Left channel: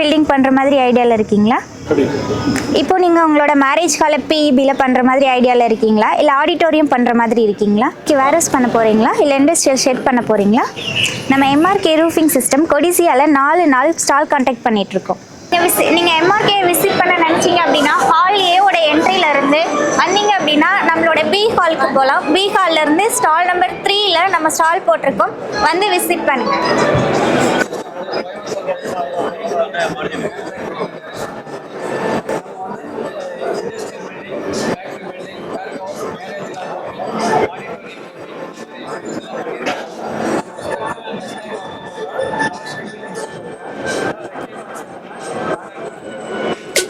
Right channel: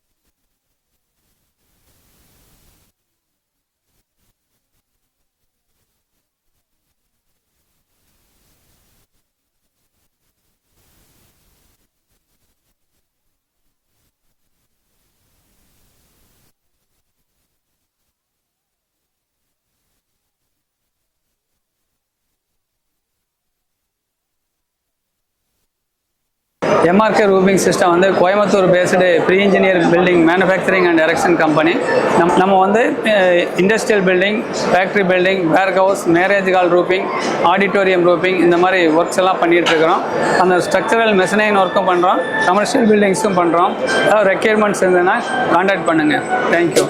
Building பண்ணுற மாதிரி ஐடியாவில் இருக்கீங்களா? இப்போ நீங்கள் உங்களோட மேரேஜ் ஹாலை பிஇபியில் பண்ணுற மாதிரி ஐடியாவில் இருக்கீங்களா, இல்லை ஆடிட்டோரியம் பண்ணுற மாதிரி இருக்கீங்களா, வேரஸ் பண்ண போகிறீங்களா, இல்லை இண்டஸ்ட்ரியல் ஷெட் பண்ண போகிறீங்களா? நம்ம எம்ஆர்கே ரூஃபிங் சிஸ்டம் கொடிசியாவில் 4 நாள் ஸ்டால் கான்டாக்ட் பண்ணிகிட்ருக்கோம். நீங்கள் எம்ஆர்கே விசிட் பண்ண நினச்சிங்க அப்படின்னா ஹால் ஏவோட என்ட்ரியிலேருந்து வந்தீங்க அப்படின்னா நம்மளோட பி ஹாலுக்கு போகலாம். பி ஹால்லேருந்து ஸ்டால் நம்பர் 3ல் நம்ம ஸ்டால் போட்டிருக்கோம், வந்து விசிட் பண்ணுங்கள். எம்ஆர்கே ரூஃபிங் சிஸ்டம் வந்து Coimbatore based pre engineer building manufacturing and erection company. நம்ம வந்து industrial building, factory building, warehouse, marriage hall roofing, auditorium roofing இந்த மாதிரி ஒர்க்ஸ் எல்லாம் பண்ணிகிட்டு இருக்கிறோம். அந்த ஸ்ட்ரக்சரல் மெஷினிங் ஒர்க்கும் பண்ணுறோம், கமர்ஷியல் பில்டிங்ஸும் பண்ணுறோம். ஏதாவது ரெக்யர்மெண்ட்ஸ் இருந்ததுன்னா கான்டாக்ட் பண்ணுங்கள். தேங்க்யூ.